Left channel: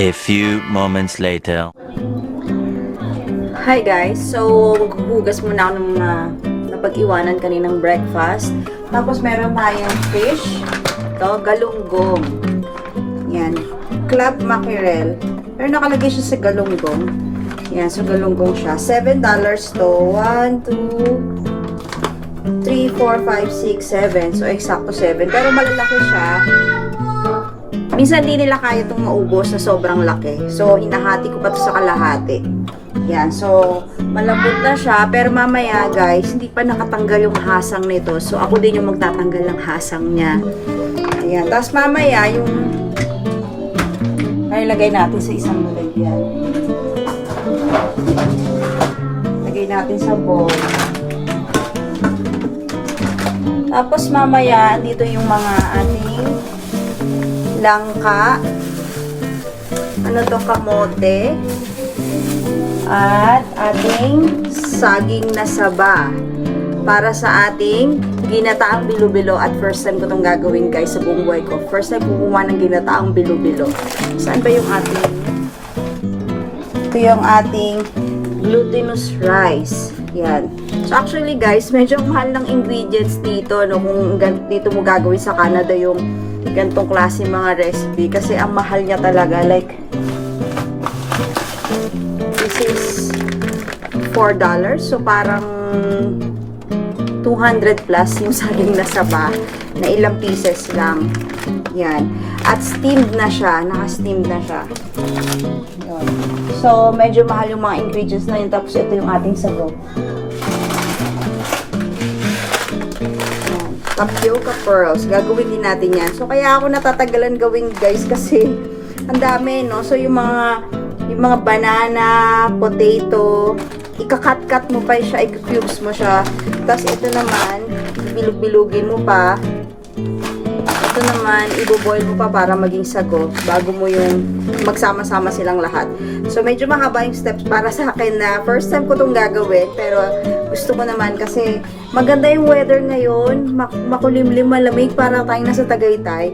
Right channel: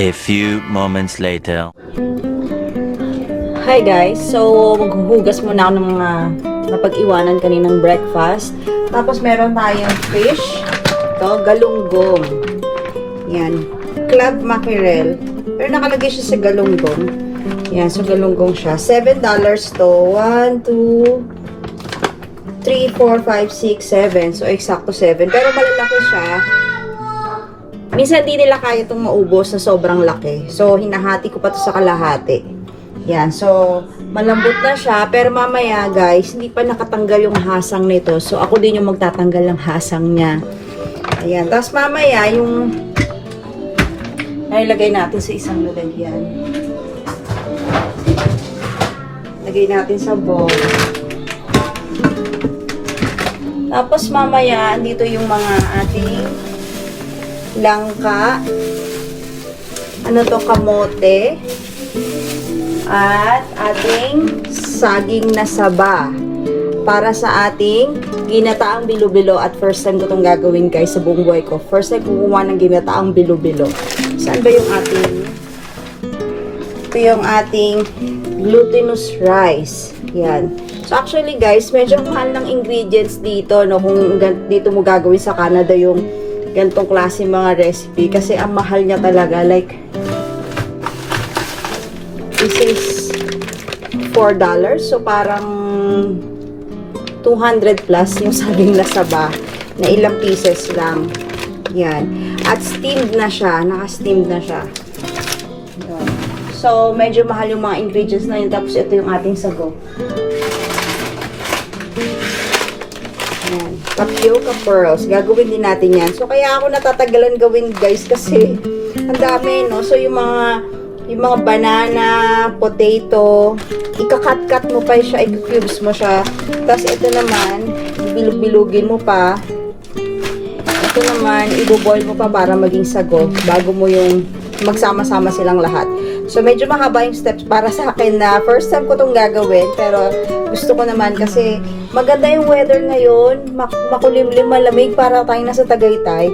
A few moments later. Hi guys, so maghuhugas muna ako ng mga napag-iwanan kaninang breakfast. Tapos meron tayong fish. Ito, galunggong. Yan, club mackerel. Pero nakalagay siya sa galunggong. Yan, so galunggong siya. $7 to. 1, 2, 3, 4, 5, 6, 7. So eksakto 7. Pero malalaki siya. Minsan di nila kaya itong maubos sa sobrang laki. So, hinahati ko pa ito sa kalahati. Yan. So, malambot na siya. Pero mamaya, guys, hindi pa nakatanggal yung hasang nito. So, ako din yung magtatanggal ng hasang niya. Ayan. Tapos, mamaya, yung nailagay natin sa isang lalagyan. Lagay natin sa bowl. Tapos, mamaya, andito yung mga ating langka, ano to, kamote, at ating saging na saba para sa ating ginataang bilo-bilo. At first time ko itong gagawin guys sa buong buhay ko. First time kumuha ng ginataang bilo-bilo. Saan ba yung ating, ito yung ating glutinous rice. Yan. So actually guys, medyo mahal ng ingredients dito, no, kung dito mo gagawin sa Canada yung ganitong klase mga recipe, kasi ang mahal niya talaga. Like, this is $4, so parang 200 plus yung saging na saba na ilang pieces lang. Yan. At steamed na siya, naka-steamed na siya. So medyo mahal yung mga ingredients na yun. Tapos ito yung ating sago, tapioca pearls. Gagawin din natin yan. So, kaya ako natatagalan gawin guys kasi ang dami, no? So, yung mga banana, potato, ikakat-cut mo pa siya, i-cubes mo siya. Tapos, ito naman, bilug-bilugin mo pa. Ito naman, i-boil mo pa para maging sago bago mo yung magsama-sama silang lahat. So, medyo mahaba yung steps para sa akin na first time ko itong gagawin. Pero, gusto ko naman kasi maganda yung weather ngayon. Makulimlim, malamig. Para tayong nasa Tagaytay.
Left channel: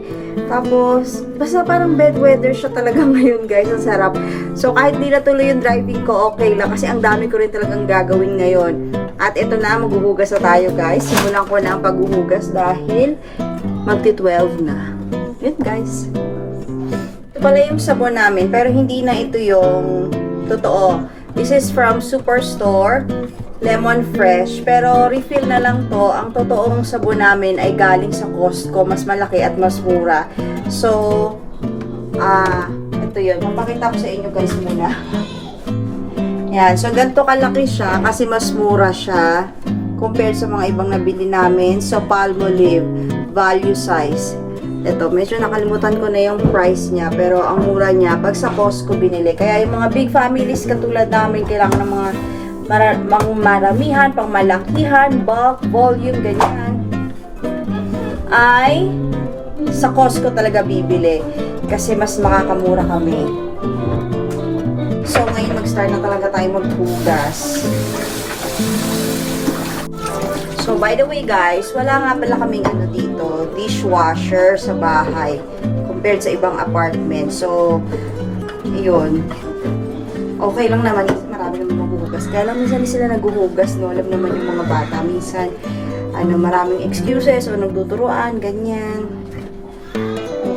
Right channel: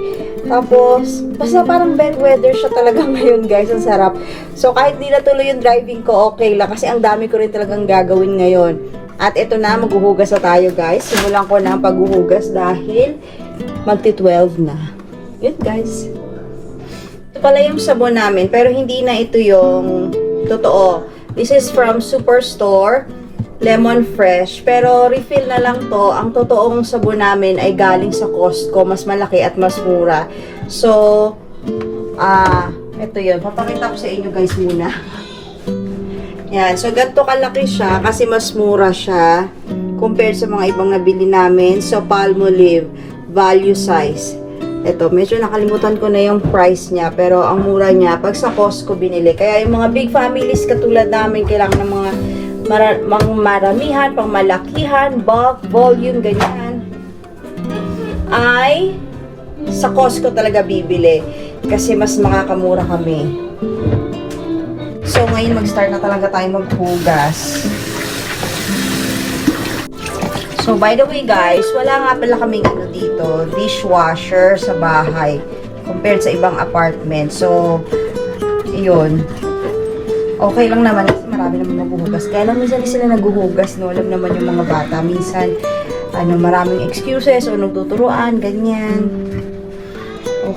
Tapos, basta parang bad weather siya talaga ngayon, guys. Ang sarap. So, kahit di natuloy yung driving ko, okay lang. Kasi ang dami ko rin talagang gagawin ngayon. At ito na, maghuhugas na tayo, guys. Simulan ko na ang paghuhugas dahil magti-12 na. Yun, guys. Ito pala yung sabon namin, pero hindi na ito yung totoo. This is from Superstore, Lemon Fresh, pero refill na lang to. Ang totoong sabon namin ay galing sa Costco, mas malaki at mas mura. So, ito yun. Papakita ko sa inyo guys muna. Yan, so ganito kalaki siya kasi mas mura siya compared sa mga ibang nabili namin. So, Palmolive, value size. Ito, medyo nakalimutan ko na yung price niya, pero ang mura niya pag sa Costco binili. Kaya yung mga big families katulad namin, kailangan ng mga maramihan, pang malakihan, bulk, volume, ganyan, ay sa Costco talaga bibili kasi mas makakamura kami. So, ngayon mag-start na talaga tayo maghugas. So, by the way guys, wala nga pala kaming ano dito, dishwasher sa bahay compared sa ibang apartment. So, yun. Okay lang naman kasi marami naman maghuhugas. Kaya lang minsan sila naghuhugas, no? Alam naman yung mga bata. Minsan, maraming excuses o nagtuturuan, ganyan.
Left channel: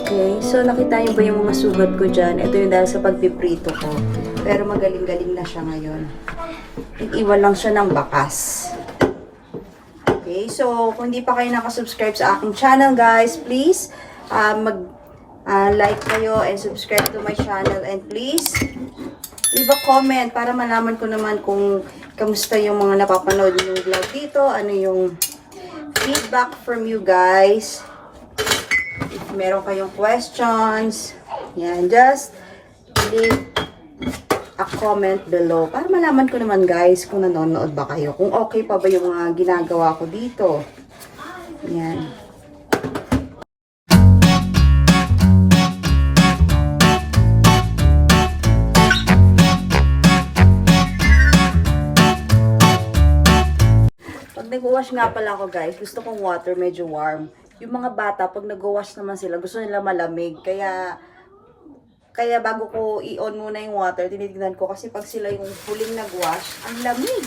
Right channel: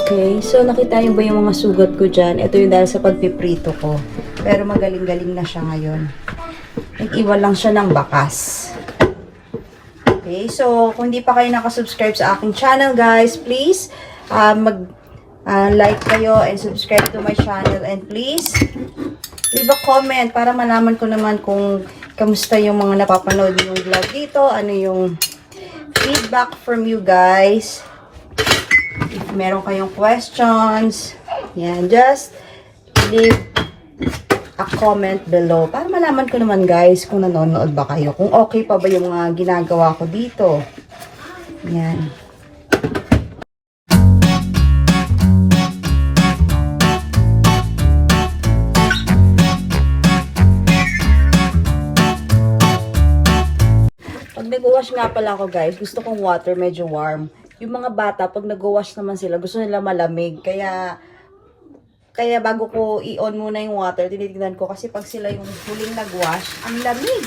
Okay. So, nakita niyo ba yung mga sugat ko dyan? Ito yung dahil sa pagpiprito ko. Pero magaling-galing na siya ngayon. Nag-iwan lang siya ng bakas. Okay, so kung hindi pa kayo nakasubscribe sa aking channel guys, please like kayo and subscribe to my channel, and please leave a comment para malaman ko naman kung kamusta yung mga napapanood yung vlog dito, ano yung feedback from you guys. If meron kayong questions, yan, just leave a comment below para malaman ko naman guys kung nanonood ba kayo, kung okay pa ba yung ginagawa ko dito. Yan. Pag nag-wash nga pala ako guys, gusto kong water medyo warm. Yung mga bata, pag nag-wash naman sila, gusto nila malamig. Kaya Kaya bago ko i-on muna yung water, tinitignan ko kasi pag sila yung huling nag-wash, ang lamig.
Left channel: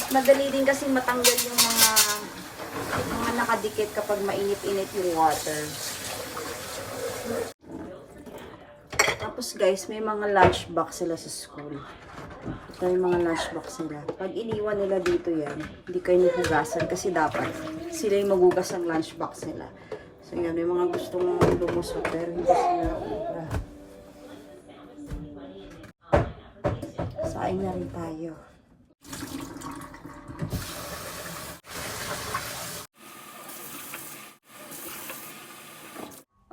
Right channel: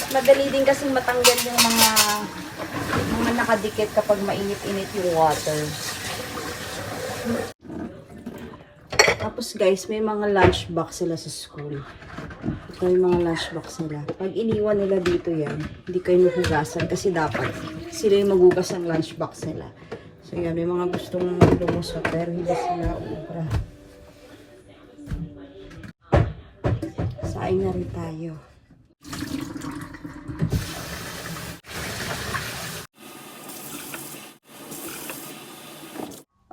At madali din kasing matanggal yung mga nakadikit kapag mainit-init yung water. Tapos guys, may mga lunchbox sila sa school. Ito yung mga lunchbox nila. Pag iniwan nila dito yan, hindi kayo mahugasan kasi dapat sila yung magugas ng lunchbox nila. So yan, may mga gustong lumusot pero hindi sila ubra. Saing na rin tayo.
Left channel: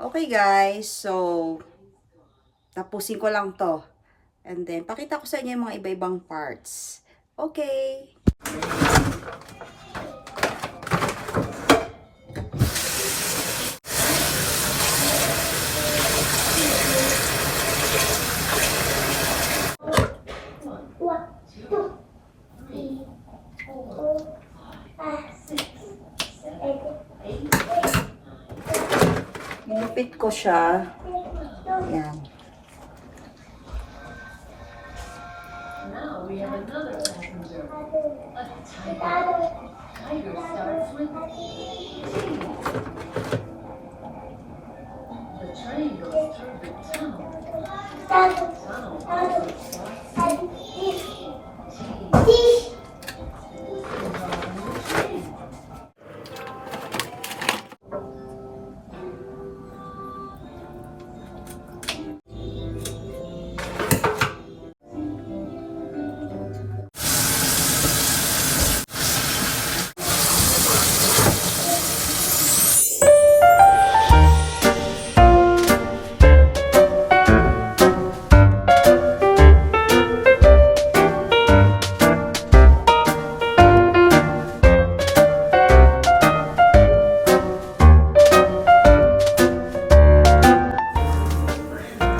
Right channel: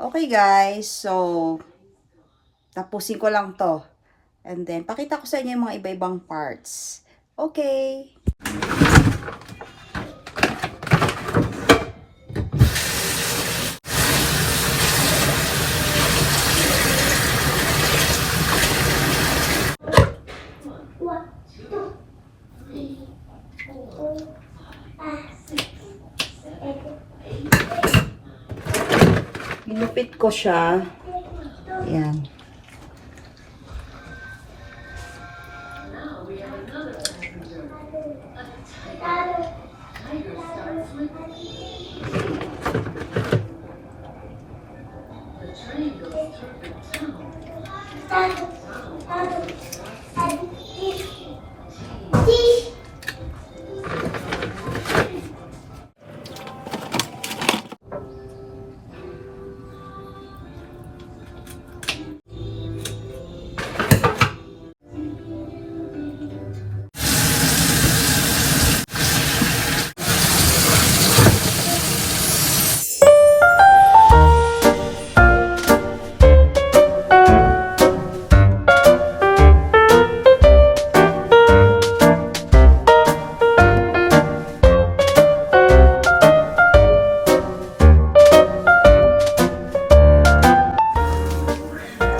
Okay guys, so tapusin ko lang to. And then, pakita ko sa inyo yung mga iba-ibang parts. Okay. Ginupit ko siya. Ayan.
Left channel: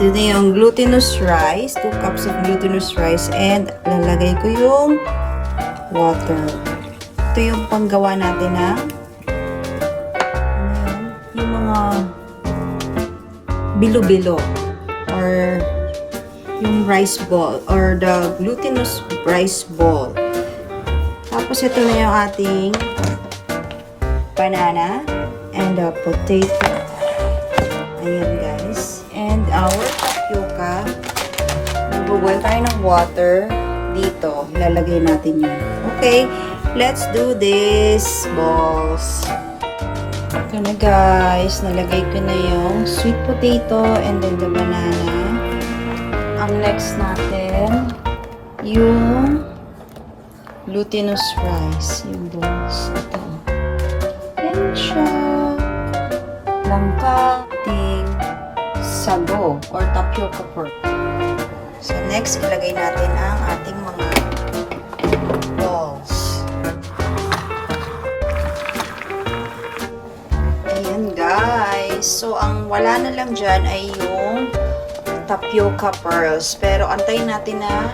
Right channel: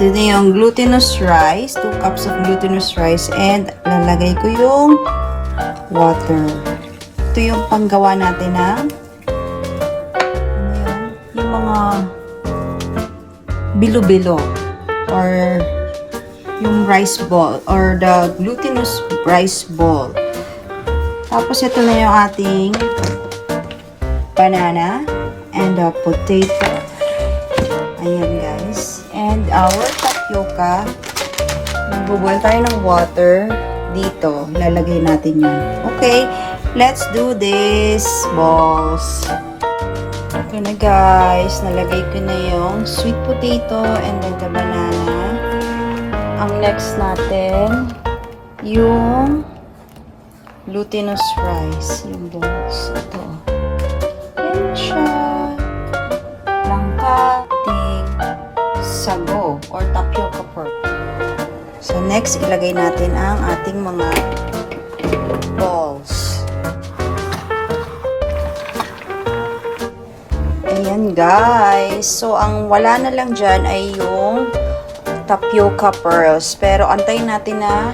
Ito na yung glutinous rice, 2 cups of glutinous rice, and lalagay ko yung water. Ito yung panggawa natin ng yung mga bilo-bilo or yung rice ball or the glutinous rice ball. Tapos ito na yung ating banana and the potato. Ayan guys. And our tapioca. Magbubuan tayo ng water dito. Lalagay natin yun. Okay. Let's do this, balls. Ito na guys. Nalagay ko na yung sweet potato and then the banana. Ang next natin, yung glutinous rice. Yung balls. Ito. Ayan siya. Sago or tapioca pork. So next, ilagay natin ang ating mga balls. Ayan guys. So ang wala na lang dyan ay yung tapioca pearls. Pero antayin natin na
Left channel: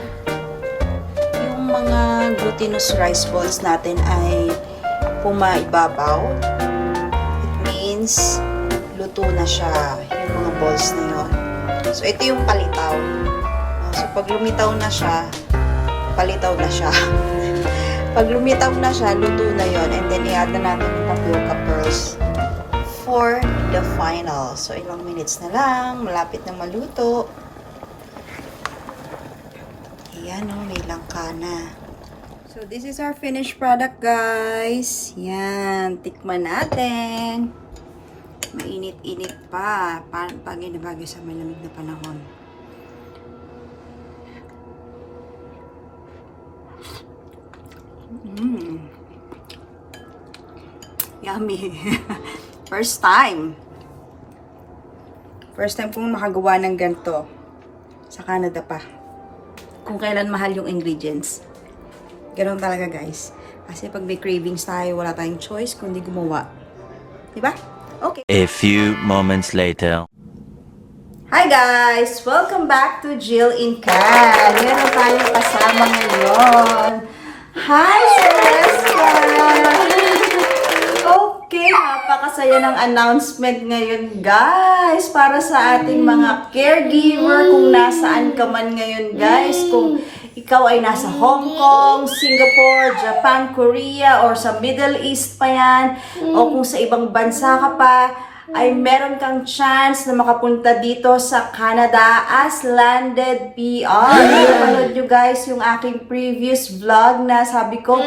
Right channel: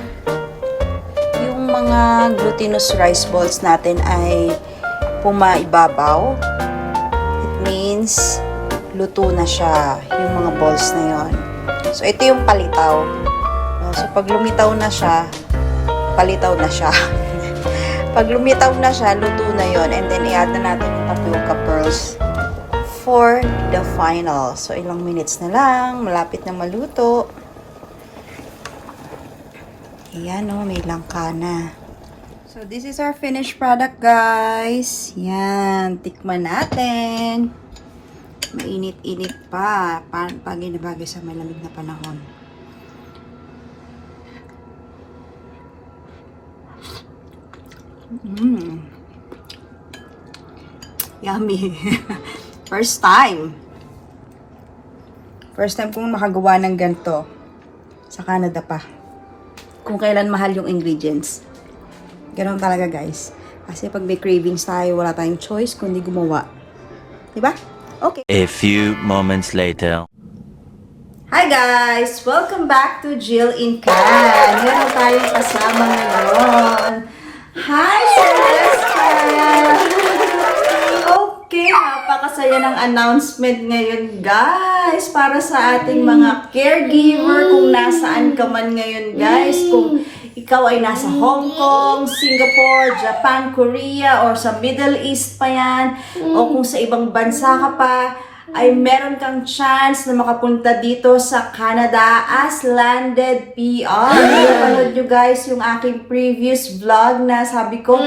yung mga glutinous rice balls natin ay pumaibabaw. It means luto na siya, yung mga balls na yon. So, ito yung palitaw. So, pag lumitaw na siya, palitaw na siya. Pag lumitaw na siya, luto na yon. And then, i-add na natin yung tapioca pearls for the final. So, ilang minutes na lang, malapit na maluto. Ayan o, may langka na. So, this is our finished product, guys. Yan, tikman natin. Mainit-init pa. Bagay sa malamig na panahon. Yummy. First time. First time kong makagawa ng ganito. Sa Canada pa. Kung kailan mahal yung ingredients. Ganun talaga guys. Kasi pag may cravings tayo, wala tayong choice kundi gumawa. Diba? Okay. A few moments later. Hi guys! Welcome back to Jill in Can. Meron tayong kasama ngayon. Hi, Celeste! Okay, Napakasaya ng announcement ngayon, guys, para sa ating mga caregiver kung nasaan ka man ngayon, guys. Kung ikaw ay nasa Hong Kong, Singapore, Japan, Korea, or sa Middle East pa yan, o kung sa ibang bansa ka pa, ay meron kang chance na makapunta dito sa Canada as landed PR. Napanood nyo, guys, yung aking previous vlog na sabi ko,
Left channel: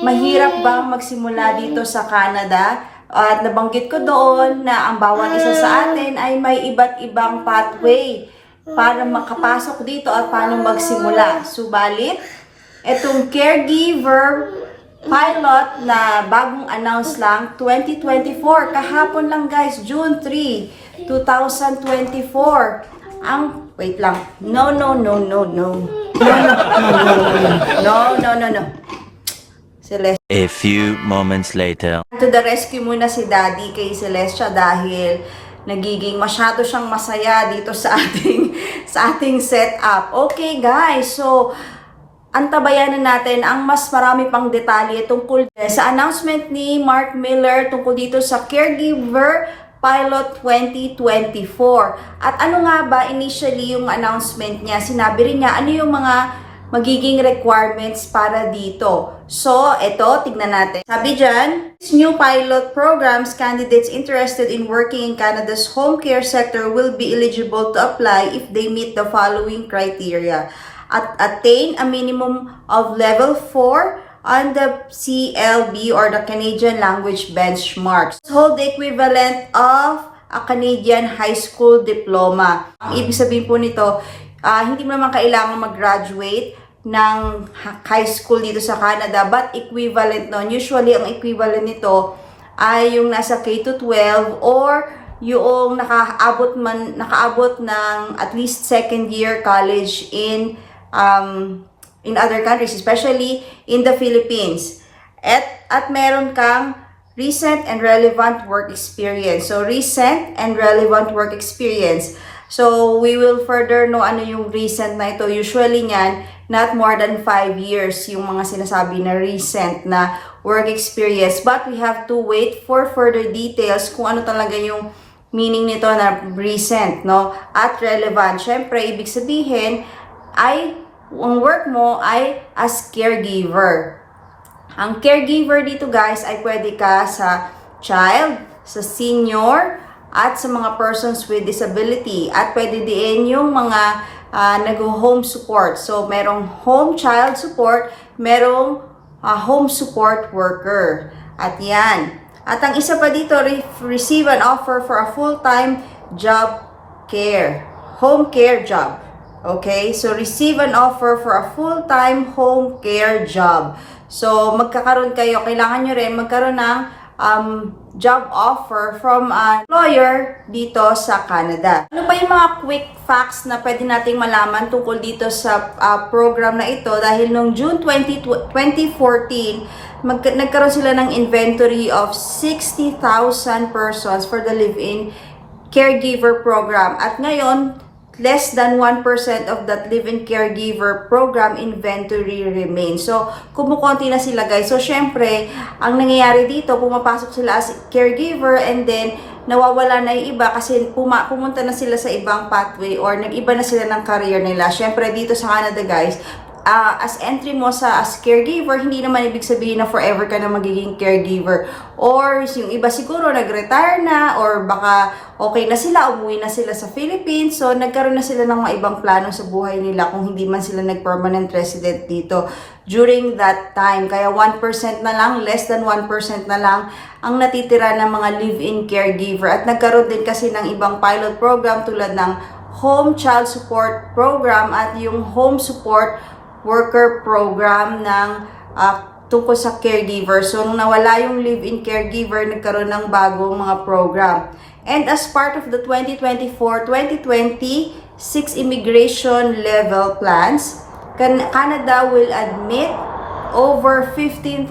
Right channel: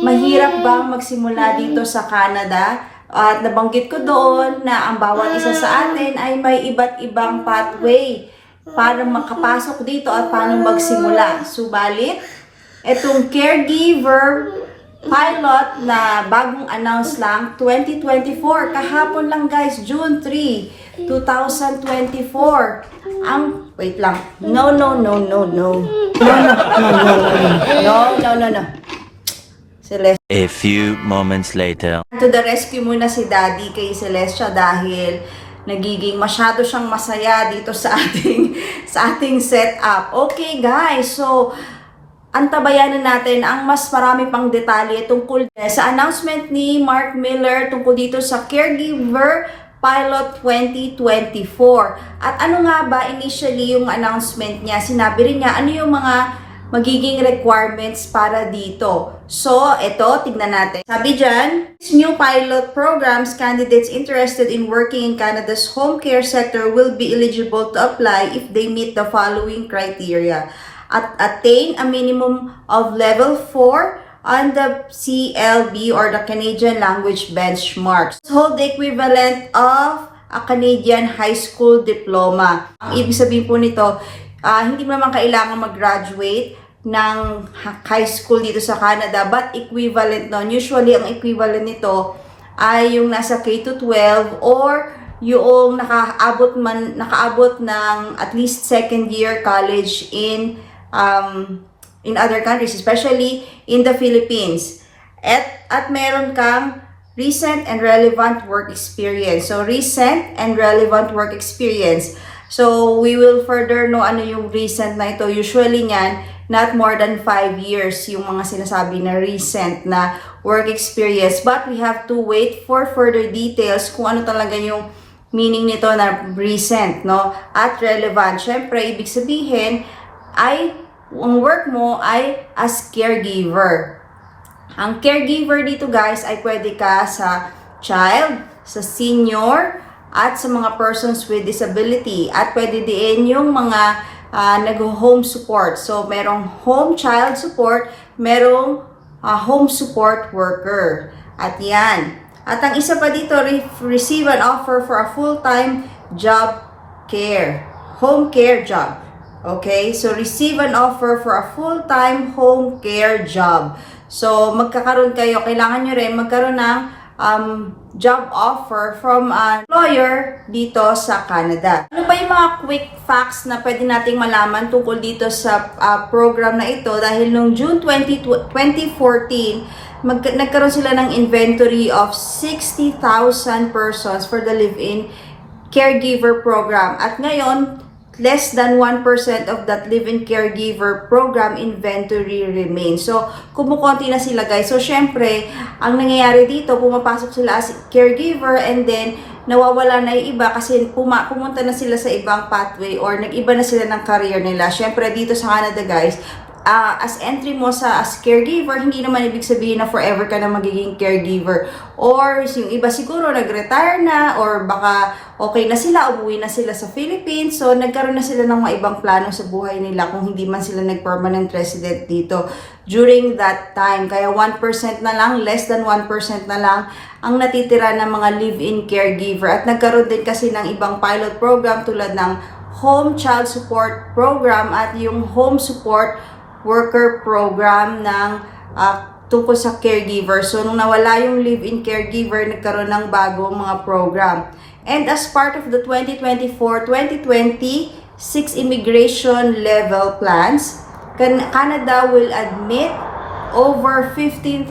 mahirap bang magsimula dito sa Canada? At nabanggit ko doon na ang bawat isa sa atin ay may iba't ibang pathway para makapasok dito at paano magsimula. Subalit, itong caregiver pilot na bagong announce lang, 2024. Kahapon lang, guys, June 3, 2024. Wait lang. No. Celeste. A few moments later. To the rescue muna si Daddy kay Celestia dahil nagiging masyado siyang masaya dito sa ating setup. Okay, guys. So, antabayanan natin ang mas marami pang detalye tungkol sa announcement ni Mark Miller tungkol dito sa Caregiver Pilot 2024. At ano nga ba initially yung announcement niya? Sinabi rin niya ano yung mga magiging requirements para dito. So, eto, tignan natin. Sabi dyan, new pilot programs, candidates interested in working in Canada's home care sector will be eligible to apply if they meet the following criteria. At attain a minimum of level 4 on the CLB or the Canadian Language Benchmarks. Hold the equivalent of a Canadian high school diploma. Ang ibig sabihin po nito, hindi mo naman kailangan mag-graduate ng high school dito sa Canada, but equivalent nun. Usually, ang equivalent nito ay yung nasa K-12 or yung nakaabot ng at least second year college in other countries, especially in the Philippines. At meron kang recent and relevant work experience. So, recent and relevant work experience. So, we will further know ano yung recent na ito. Usually nyan, not more than 5 years yung mga sinasabi na recent na work experience. But we have to wait for further details kung ano talaga yung meaning nito na recent, no? At relevant. Syempre, ibig sabihin ay ang work mo ay as caregiver. Ang caregiver dito, guys, ay pwede ka sa child, sa senior, at sa mga persons with disability. At pwede din yung mga nag-home support. So, merong home child support, merong home support worker. At yan. At ang isa pa dito, receive an offer for a full-time job care. Home care job. Okay? So, receive an offer for a full-time home care job. So, magkakaroon kayo, kailangan nyo rin magkaroon ng job offer from an employer dito sa Canada. Ano pa yung mga quick facts na pwede nating malaman tungkol dito sa program na ito? Dahil noong June 2014, nagkaroon sila ng inventory of 60,000 persons for the live-in caregiver program. At ngayon, less than 1% of that live-in caregiver program inventory remains. So, kumukonti na sila, guys. So, syempre, ang nangyayari dito, pumapasok sila as caregiver and then nawawala na yung iba kasi pumunta na sila sa ibang pathway or nag-iba na sila ng career nila. Syempre, dito sa Canada, guys, as entry mo as caregiver, hindi naman ibig sabihin na forever ka na magiging caregiver. Or yung iba siguro nag-retire na or baka okay na sila, umuwi na sila sa Philippines. So, nagkaroon na sila ng mga ibang plano sa buhay nila kung hindi man sila nag-permanent resident dito during that time. Kaya 1% na lang, less than 1% na lang ang natitira ng mga live-in caregiver. At nagkaroon din kasi ng ibang pilot program tulad ng Home Child Support Program at yung Home Support Worker Program ng tungkol sa caregiver. So, nung nawala yung live-in caregiver, nagkaroon ng bagong mga program. And as part of the 2024-2026 immigration level plans, Canada will admit over 15,000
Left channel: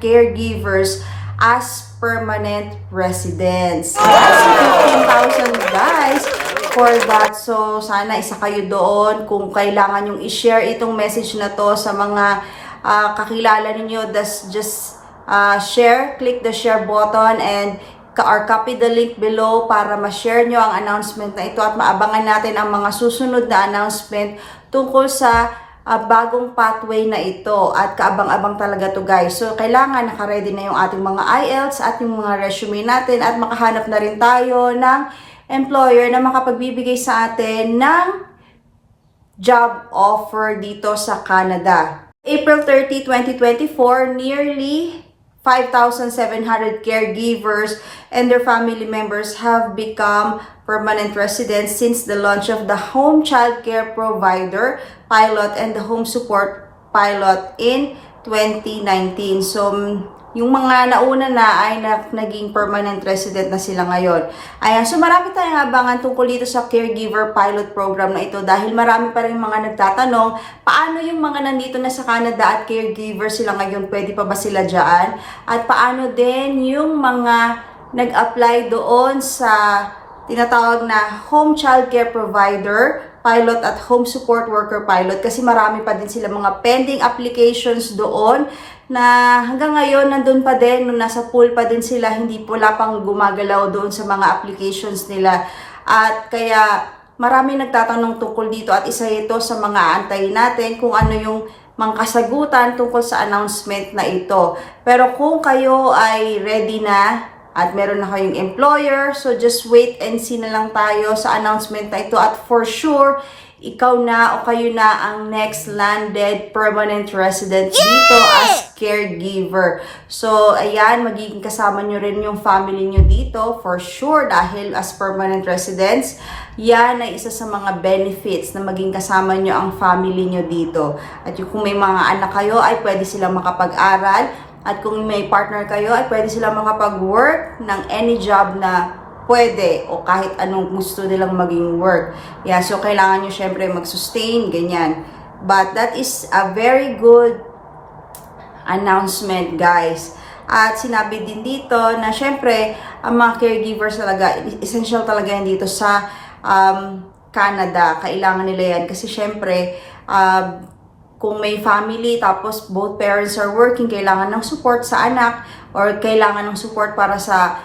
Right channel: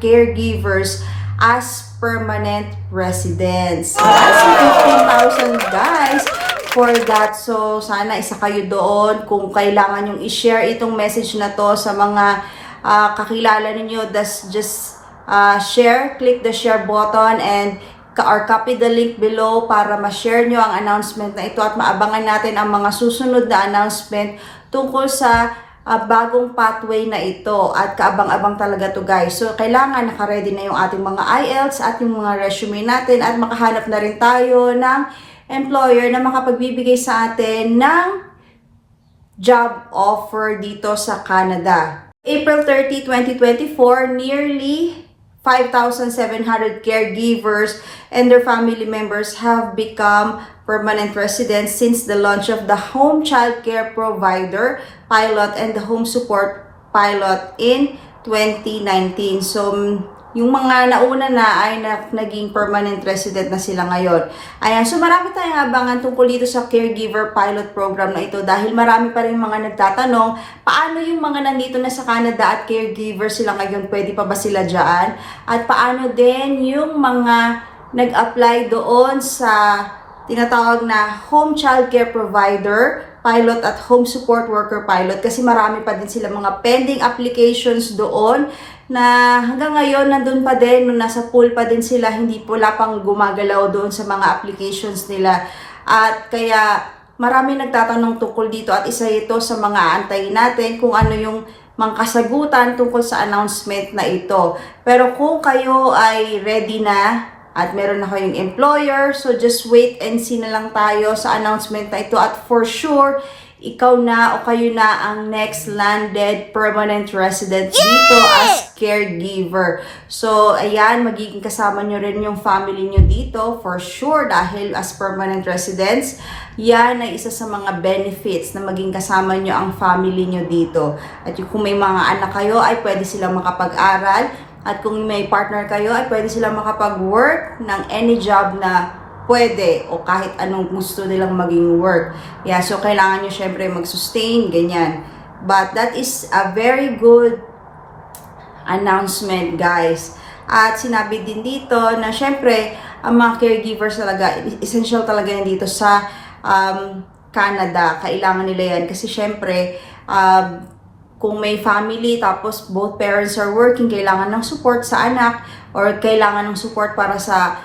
caregivers as permanent residents. That's 15,000, guys, for that. So, sana isa kayo doon kung kailangan yung i-share itong message na to sa mga kakilala ninyo. Just share, click the share button and or copy the link below para ma-share nyo ang announcement na ito at maabangan natin ang mga susunod na announcement tungkol sa bagong pathway na ito at kaabang-abang talaga to guys. So kailangan naka-ready na yung ating mga IELTS at yung mga resume natin at makahanap na rin tayo ng employer na makapagbibigay sa atin ng job offer dito sa Canada. April 30, 2024, nearly 5,700 caregivers and their family members have become permanent residents since the launch of the Home Child Care Provider Pilot and the Home Support Pilot in 2019. So, yung mga nauna na ay naging permanent resident na sila ngayon. Ayan, so marami tayong abangan tungkol dito sa Caregiver Pilot Program na ito dahil marami pa rin mga nagtatanong, paano yung mga nandito na sa Canada at caregiver sila ngayon, pwede pa ba sila dyan? At paano din yung mga nag-apply doon sa tinatawag na Home Child Care Provider Pilot at Home Support Worker Pilot kasi marami pa din sila mga pending applications doon na hanggang ngayon nandun pa din, nung nasa pool pa din sila, hindi pula pang gumagalaw doon sa mga applications nila. At kaya marami nagtatanong tungkol dito at isa ito sa mga aantayin natin kung ano yung mga kasagutan tungkol sa announcement na ito. Pero kung kayo ay ready na at meron na kayong employer, so just wait and see na lang tayo sa announcement na ito at for sure, ikaw na o kayo na ang next landed permanent resident dito as caregiver. So, ayan, magiging kasama nyo rin yung family nyo dito for sure dahil as permanent residents, yan ay isa sa mga benefits na maging kasama nyo ang family nyo dito. At kung may mga anak kayo, ay pwede silang makapag-aral. At kung may partner kayo, ay pwede silang makapag-work ng any job na pwede o kahit anong gusto nilang maging work. Yeah, so kailangan nyo syempre mag-sustain, ganyan. But that is a very good announcement, guys. At sinabi din dito na syempre, ang mga caregivers talaga, essential talaga yan dito sa Canada. Kailangan nila yan kasi syempre, kung may family tapos both parents are working, kailangan ng support sa anak or kailangan ng support para sa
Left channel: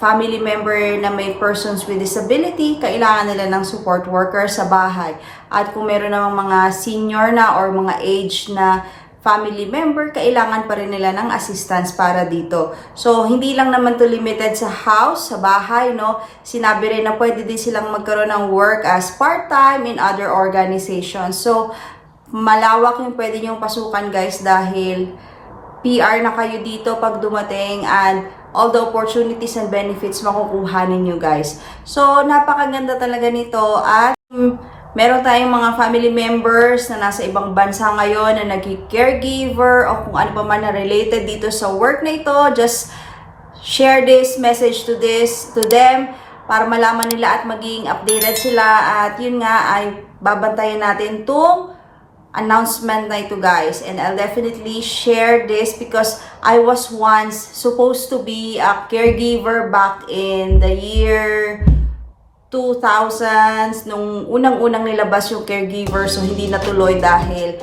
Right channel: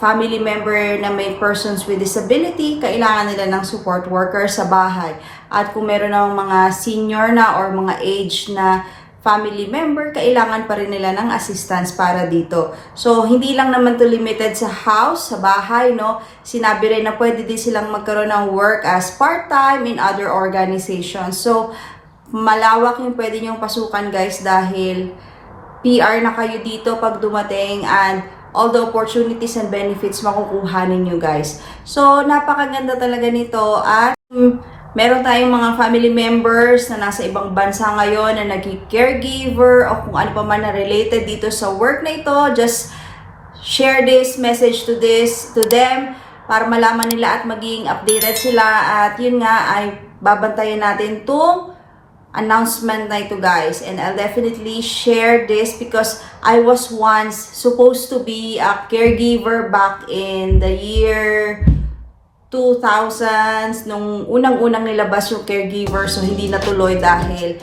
family member na may persons with disability, kailangan nila ng support worker sa bahay. At kung meron namang mga senior na or mga age na family member, kailangan pa rin nila ng assistance para dito. So, hindi lang naman to limited sa house, sa bahay, no? Sinabi rin na pwede din silang magkaroon ng work as part-time in other organizations. So, malawak yung pwede nyong pasukan, guys, dahil PR na kayo dito pag dumating and all the opportunities and benefits makukuha ninyo, guys. So, napakaganda talaga nito at meron tayong mga family members na nasa ibang bansa ngayon na nag-caregiver o kung ano pa man na related dito sa work na ito. Just share this message to them para malaman nila at maging updated sila. At yun nga ay babantayan natin itong announcement na ito, guys, and I'll definitely share this because I was once supposed to be a caregiver back in the year 2000s nung unang-unang nilabas yung caregiver, so hindi natuloy dahil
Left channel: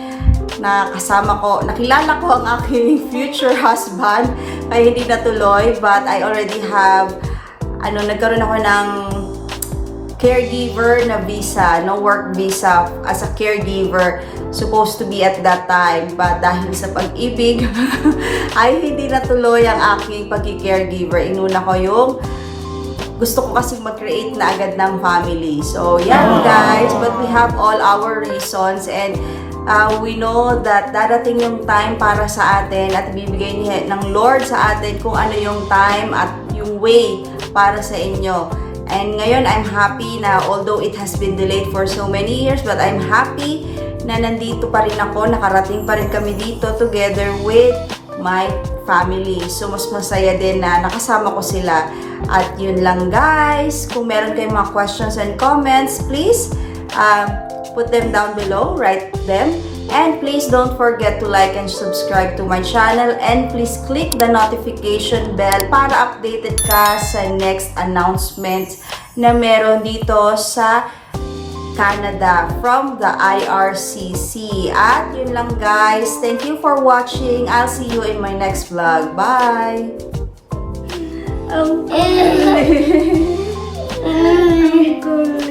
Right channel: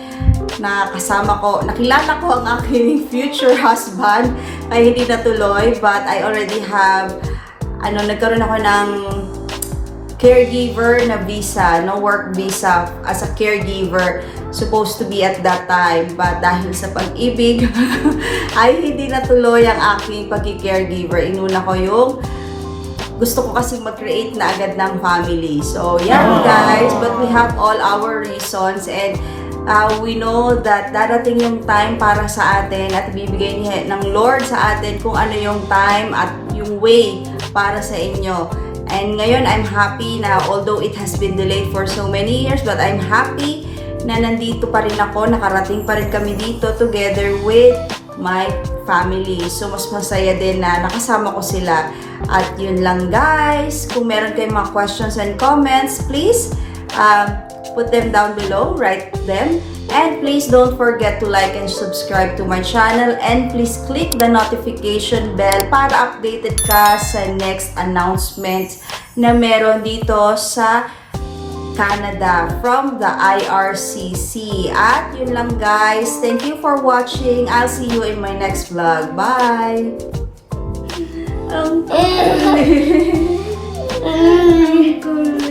nakilala ko ang aking future husband ay hindi natuloy, but I already have nagkaroon ako ng caregiver na visa, no work visa as a caregiver supposed to be at that time, but dahil sa pag-ibig ay hindi natuloy ang aking pag-caregiver. Inuna ko yung gusto ko kasi mag-create na agad ng family. So yan, guys, but we have all our reasons and we know that darating yung time para sa atin at bibigay niya ng Lord sa atin kung ano yung time at yung way para sa inyo. And ngayon, I'm happy na although it has been delayed for so many years, but I'm happy na nandito pa rin ako, nakarating pa rin kami dito together with my family. So, mas masaya din na nakasama ko sila. At yun lang, guys. Kung meron kayong mga questions and comments, please put them down below, write them. And please don't forget to like and subscribe to my channel. And please click the notification bell para updated ka sa next announcement na meron dito sa Canada from the IRCC. At yun lang guys. Thank you for watching. I'll see you in my next vlog. Bye! Ang kulit. Ang kulit.